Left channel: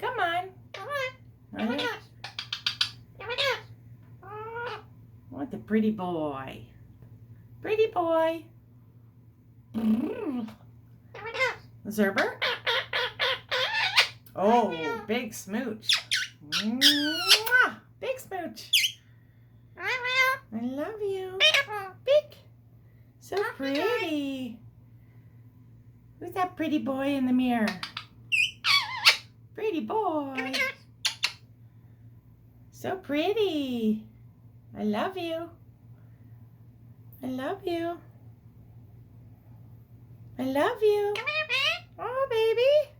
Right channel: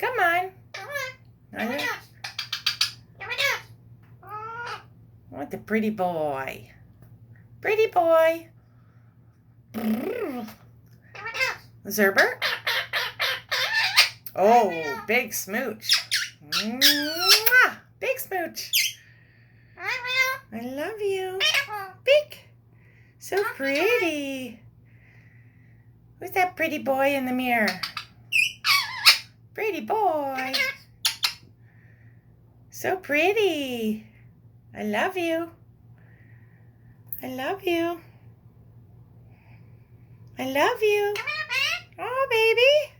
Come on. What a pretty boy. Pretty boy. Zerber. Oh, big smooch. Mwah! Big smooch. I love you. Big. So pretty. Who's that pretty boy in the mirror? Pretty boy. So pretty. I love you. I love you. I love you. Oh, baby.